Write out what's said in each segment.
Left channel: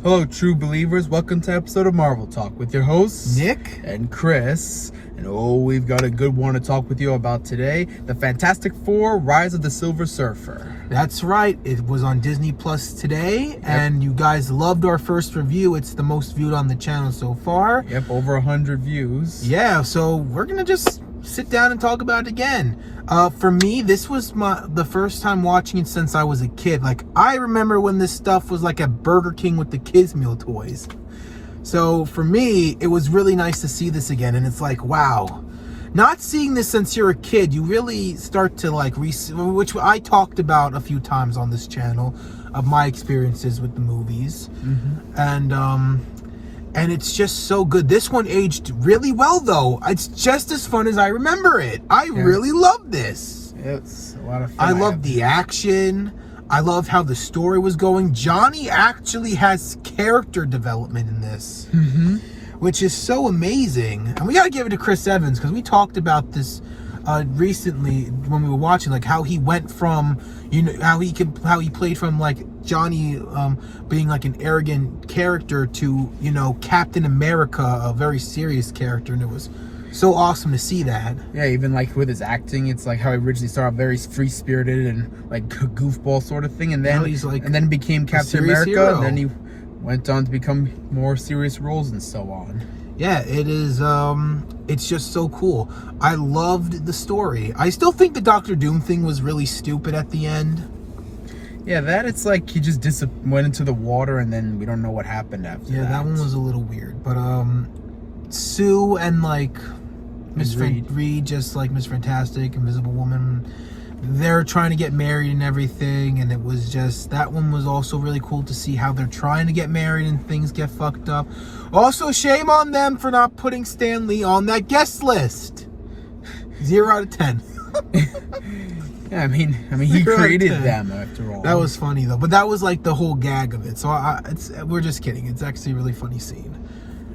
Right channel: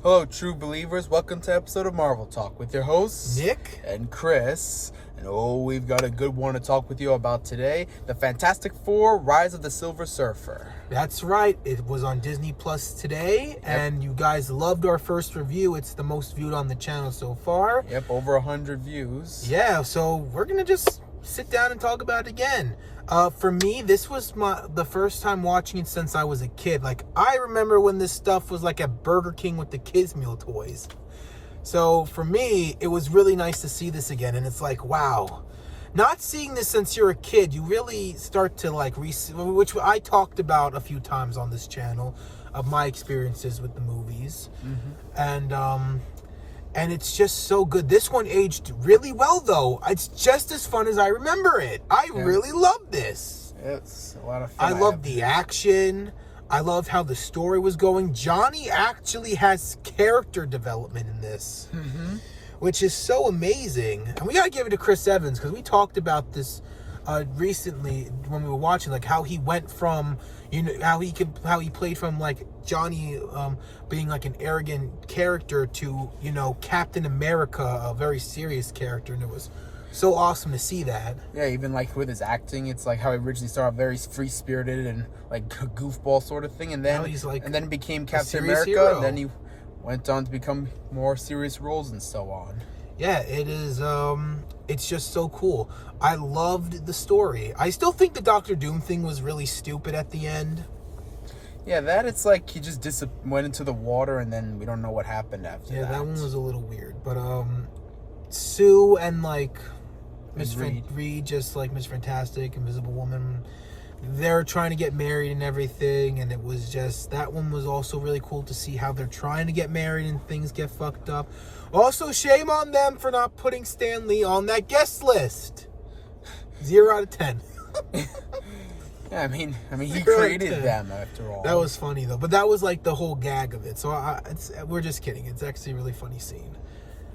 Hello, true believers. Welcome to episode of Marvel Talk with your hosts, Nick and Chris. And we've got a good one to talk with you about today. The Fantastic Four, Rise of the Silver Surfer. That's right. It was on Disney Plus today, and you guys loved our first review. It's the most viewed on the channel so far. Yep, over 100 views. Yeah, so we're going to just sit down and talk about it again. For me, this was the first time watching it since I was a kid. Like, I remember when this stuff was like at Burger King with the kids' meal toys. So for me, it was really nice to see this again. And it's like, wow. Not seeing this since you're a kid, you really start to like, which I talked about a few times on this channel, of my experiences with the movies. Mm-hmm. And it's just so good. This one aged really well, though. It's just as fun as I remember it. I really love this. It's a lot of fun. I love the action. I love how the story was going. Johnny actually has character development in this, which is so amazing. And we got to give it to Chris Evans, because we talked about this recently when we were watching, like how he went from, you know, how he played from like Johnny being like an arrogant character to, you know, Captain America, a very serious character, and it was so awesome to see that. Yeah, even like with his acting, it's like how he originally started out very free-spirited and like goofball sort of thing, and then he's like and then became Captain America, hero. and then he went on to become more serious roles and so on. Yeah, it is. It's just so cool. I loved the story. I still think the Doctor Doom thing was really stupid at the end. Yeah, that it's like he just went into the water and then we don't know what happened after that. Yeah, that one was a little weird. But Sue and like Miss Reed, just like Miss Fantastic, Invisible Woman, they're trying to get married and everything, and it was just, that one was also really cool to see how they're trying to get married and things get fucked up. Also, shame on them for not putting Stan Lee on that guest list. 0 out of 10. Yeah, I mean, he created them after all. That was funny though, but that was like the whole gag of it. So we're just kidding. It's actually a really funny scene.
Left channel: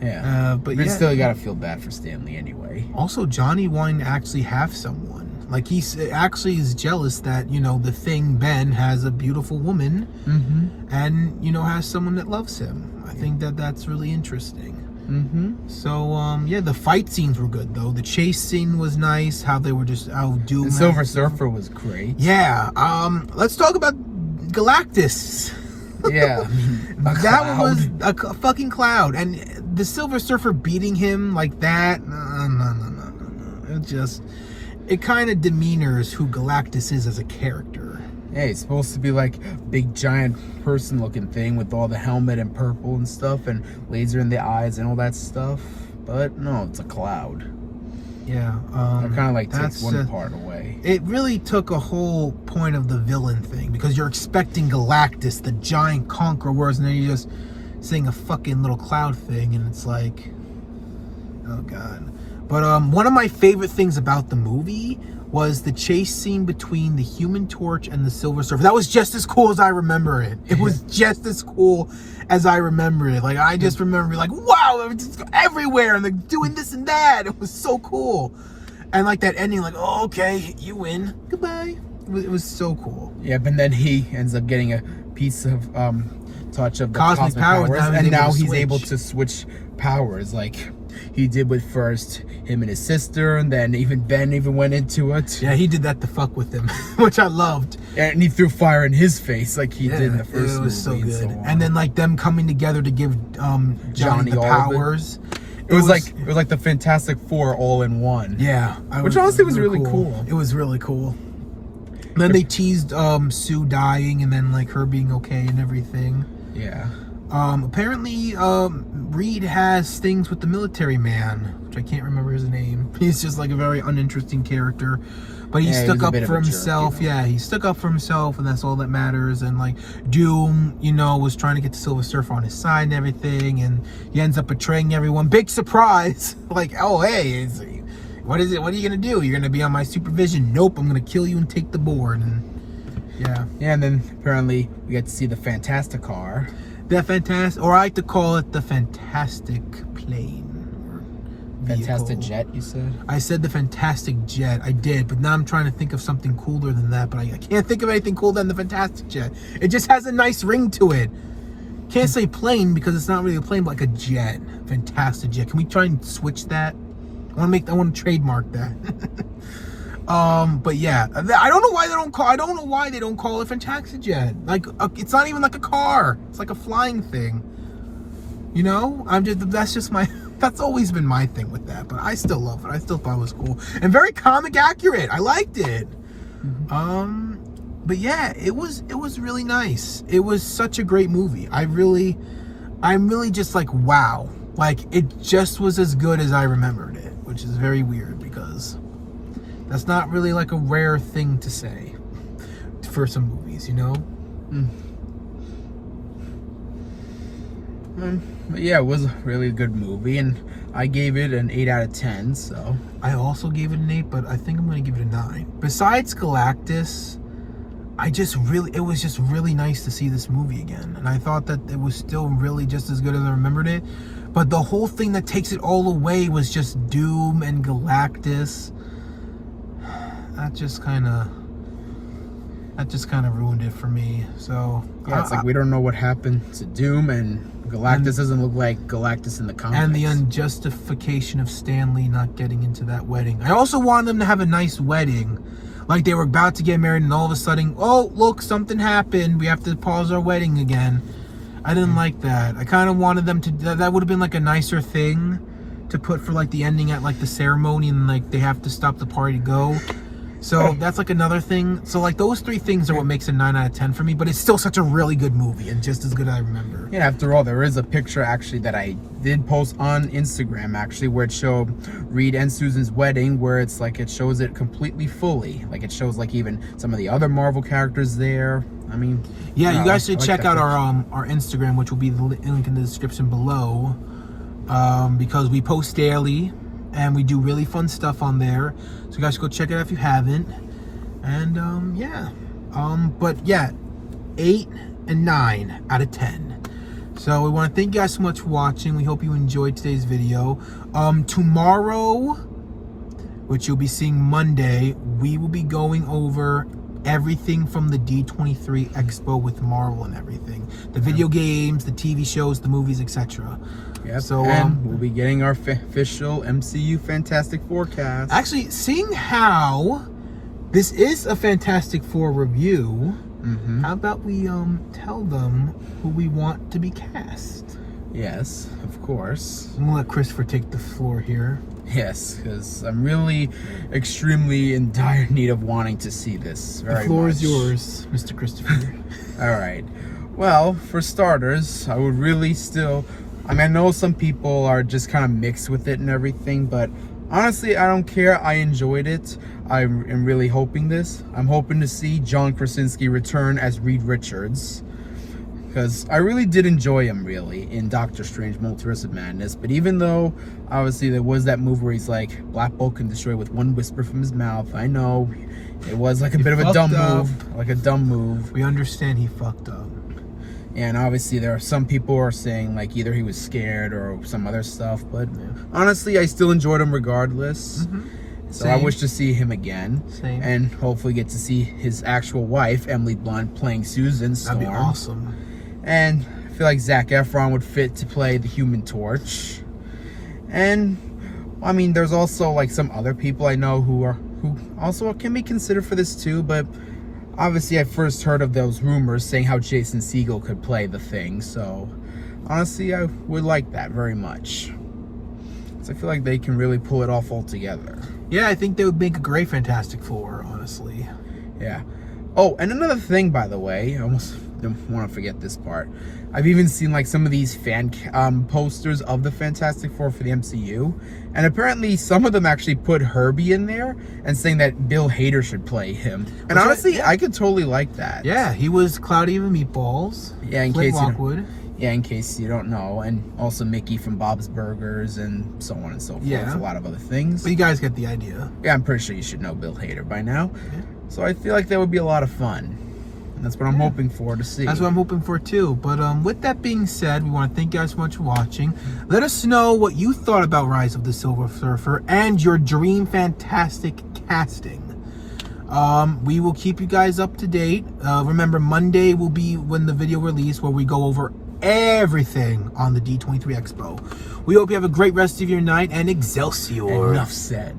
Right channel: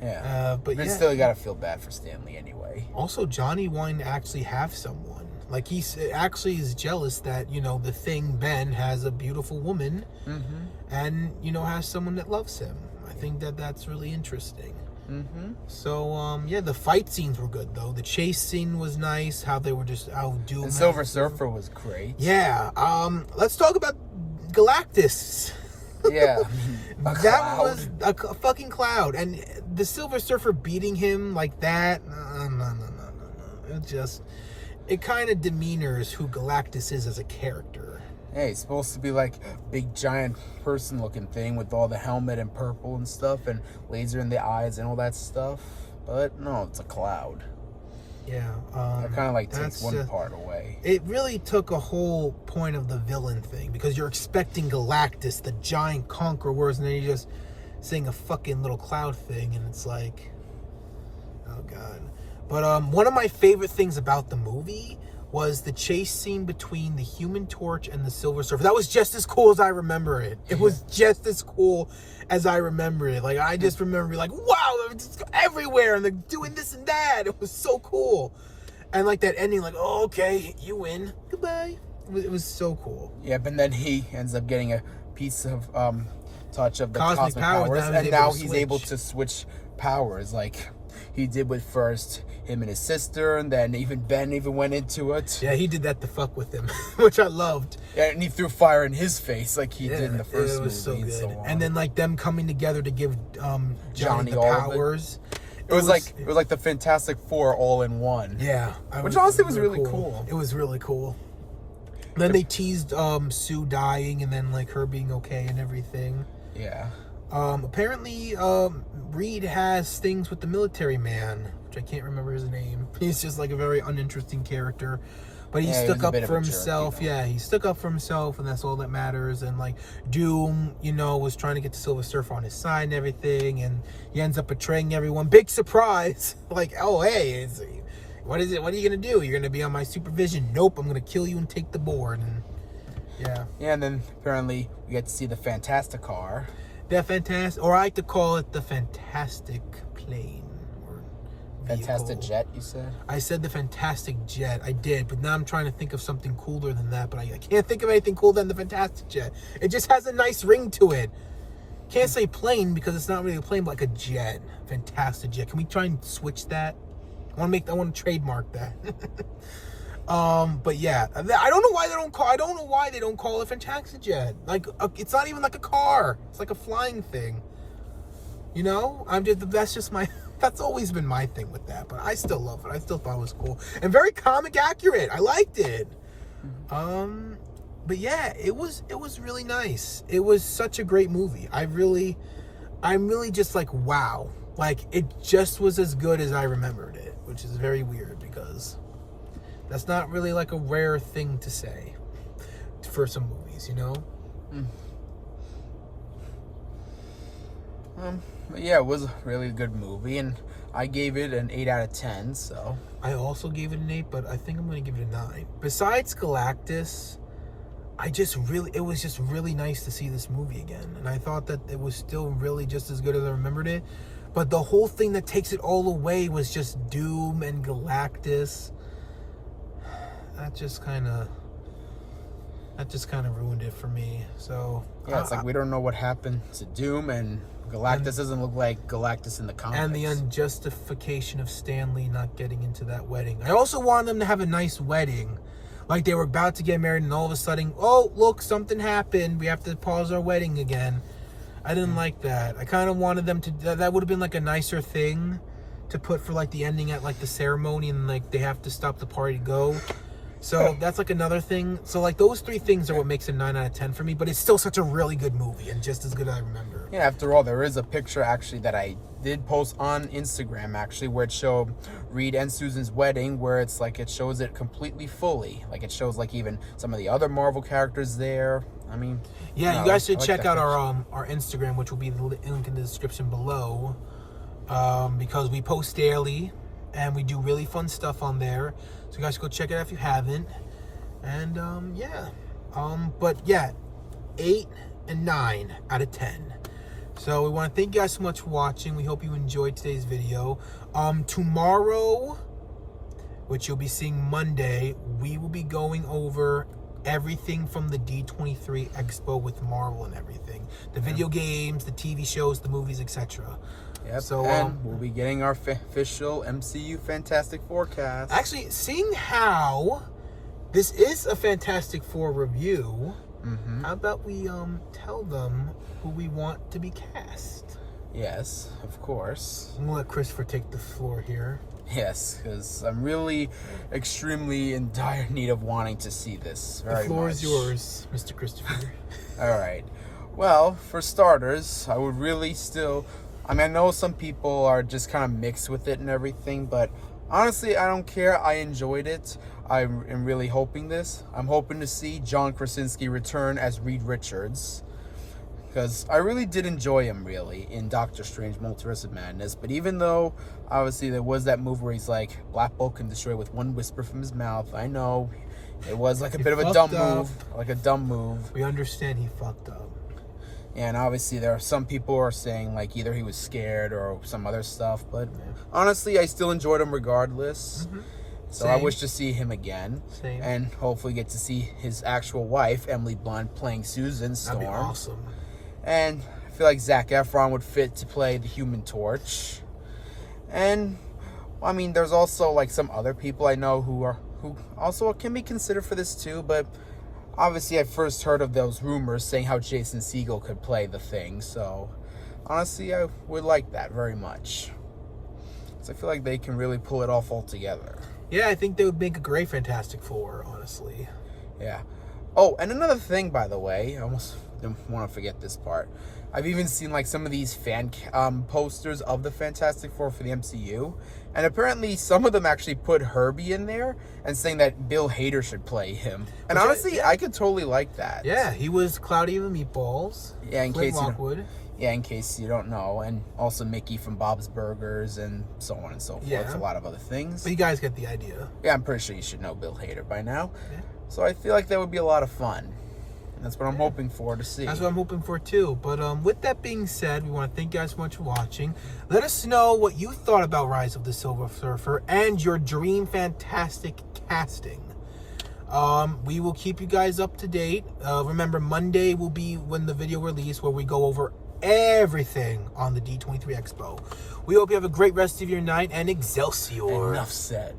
Yeah, but you still gotta feel bad for Stan Lee anyway. Also, Johnny wanting to actually have someone. Like, he actually is jealous that, you know, the Thing, Ben, has a beautiful woman and, you know, has someone that loves him. I think that's really interesting. So, yeah, the fight scenes were good, though. The chase scene was nice, how they were just Doom. The Silver Surfer was great. Yeah, let's talk about Galactus. Yeah. That was a fucking cloud. And the Silver Surfer beating him like that, no. It kind of demeanors who Galactus is as a character. Yeah, he's supposed to be like big giant person looking thing with all the helmet and purple and stuff and laser in the eyes and all that stuff. But no, it's a cloud. Yeah. It kind of like takes one part away. It really took a whole point of the villain thing, because you're expecting Galactus, the giant conqueror, and then you're just seeing a fucking little cloud thing, and it's like, oh god. But one of my favorite things about the movie was the chase scene between the Human Torch and the Silver Surfer. That was just as cool as I remember it. It was just as cool as I remember it. Like, I just remember like, wow, it's everywhere, and they're doing this and that. It was so cool. And like that ending, like, oh, okay, you win. Goodbye. It was so cool. Yeah, but then he ends up getting a piece of touch of the cosmic powers, and now he's able to switch powers, like he did with first him and his sister, and then even Ben went into it. Yeah, he did that to fuck with him, which I loved. And he threw fire in his face like he did in the first movie. It was so good. So and then like them coming together to give Johnny the powers. It was like the Fantastic Four all in one. Yeah, which honestly was really cool. It was really cool. Then they teased Sue dying, and then like her being okay and everything. Yeah. Apparently, Reed has things with the military man, which I can't remember his name. He's just like a very uninteresting character, but he stuck up for himself. Yeah, he stuck up for himself, and that's all that matters. And like Doom, you know, was trying to get the Silver Surfer on his side and everything, and he ends up betraying everyone. Big surprise! Like, oh hey, what is it? What are you gonna do? You're gonna be on my supervision? Nope, I'm gonna kill you and take the board. And yeah, and then apparently we get to see the Fantastic Car. Or I like to call it the Fantastic Plane. Fantastic Jet, you said? I said the Fantastic Jet. I did, but now I'm trying to think of something cooler than that, but I can't think of anything cooler than the Fantastic Jet. It just has a nice ring to it. Can't say plane because it's not really a plane, but like a jet. Fantastic jet. Can we try and switch that? I want to trademark that. But yeah, I don't know why they don't call it Fantastic Jet. Like, it's not even like a car. It's like a flying thing. You know, that's always been my thing with that. But I still love it. I still thought it was cool and very comic accurate. I liked it. But yeah, it was really nice. It was such a great movie. I'm really just like, wow. Like, it just was as good as I remembered it, which is very weird because that's not really like a rare thing to say for some movies, you know? But yeah, it was a really good movie, and I gave it an 8 out of 10, so. I also gave it an 8, but I think I'm going to give it a 9. Besides Galactus, it was just really nice to see this movie again. And I thought that it was still really just as good as I remembered it. But the whole thing that takes it all away was just Doom and Galactus. That just kind of ruined it for me. So yeah, it's like we don't know what happened to Doom, and Galactus doesn't look like Galactus in the comics. And the unjustification of Stan Lee not getting into that wedding. I also wanted them to have a nice wedding. Like they were about to get married and all of a sudden, oh, look, something happened. We have to pause our wedding again. I didn't like that. I kind of wanted them to, that would have been like a nicer thing to put for like the ending at like the ceremony, and like they have to stop the party to go. So that's like another thing. So like those 3 things are what makes it 9 out of 10 for me, but it's still such a really good movie and just as good as I remember. Yeah, after all, there is a picture actually that I did post on Instagram actually where it showed Reed and Susan's wedding, where it's like it shows it completely fully. Like it shows like even some of the other Marvel characters there. I mean, yeah, you guys should check out our Instagram, which will be the link in the description below, because we post daily and we do really fun stuff on there. So you guys go check it out if you haven't. And yeah. But yeah, 8 and 9 out of 10. So we want to thank you guys so much for watching. We hope you enjoyed today's video. Tomorrow, which you'll be seeing Monday, we will be going over everything from the D23 Expo with Marvel and everything. The video games, the TV shows, the movies, etc. Yep. So and we'll be getting our official MCU Fantastic Forecast. Actually, seeing how this is a Fantastic Four review, how about we tell them who we want to be cast? Yes, of course. I'm gonna let Christopher take the floor here. Yes, because I'm really extremely in dire need of wanting to see this very much. The floor is yours, Mr. Christopher. All right. Well, for starters, I would really still... I mean, I know some people are just kind of mixed with it and everything, but honestly, I don't care. I enjoyed it. I am really hoping this. I'm hoping to see John Krasinski return as Reed Richards, because I really did enjoy him, really, in Doctor Strange Multiverse of Madness. But even though, obviously, there was that move where he's like, Black Bolt can destroy with one whisper from his mouth. I know. It was like a bit of a dumb move. Like a dumb move. We understand he fucked up. And obviously there are some people who are saying like either he was scared or some other stuff, but honestly I still enjoyed him regardless. So I wish to see him again. And hopefully get to see his actual wife, Emily Blunt, playing Susan Storm. That'd be awesome. And I feel like Zac Efron would fit to play the Human Torch. And I mean there's also like some other people I know who also can be considered for this too, but obviously, I first heard of those rumors saying how Jason Segel could play the Thing, so honestly, I would like that very much. So I feel like they can really pull it off altogether. Yeah, I think they would make a great Fantastic Four, honestly. Yeah. Oh, and another thing, by the way, I almost don't want to forget this part. I've even seen like some of these fan posters of the Fantastic Four for the MCU, and apparently some of them actually put Herbie in there and saying that Bill Hader should play him. And honestly, I could totally like that. Yeah, he was Cloudy and the Meatballs. Yeah, in case you don't know, and also Mickey from Bob's Burgers and so on and so forth. A lot of other things. But you guys get the idea. Yeah, I'm pretty sure you should know Bill Hader by now. Yeah. So I feel like that would be a lot of fun. That's what I'm hoping for to see. That's what I'm hoping for too. But with that being said, we want to thank you guys so much for watching. Let us know what you thought about Rise of the Silver Surfer and your dream fantastic casting. We will keep you guys up to date. Remember, Monday will be when the video release where we go over everything on the D23 Expo. We hope you have a great rest of your night, and Excelsior. Enough said.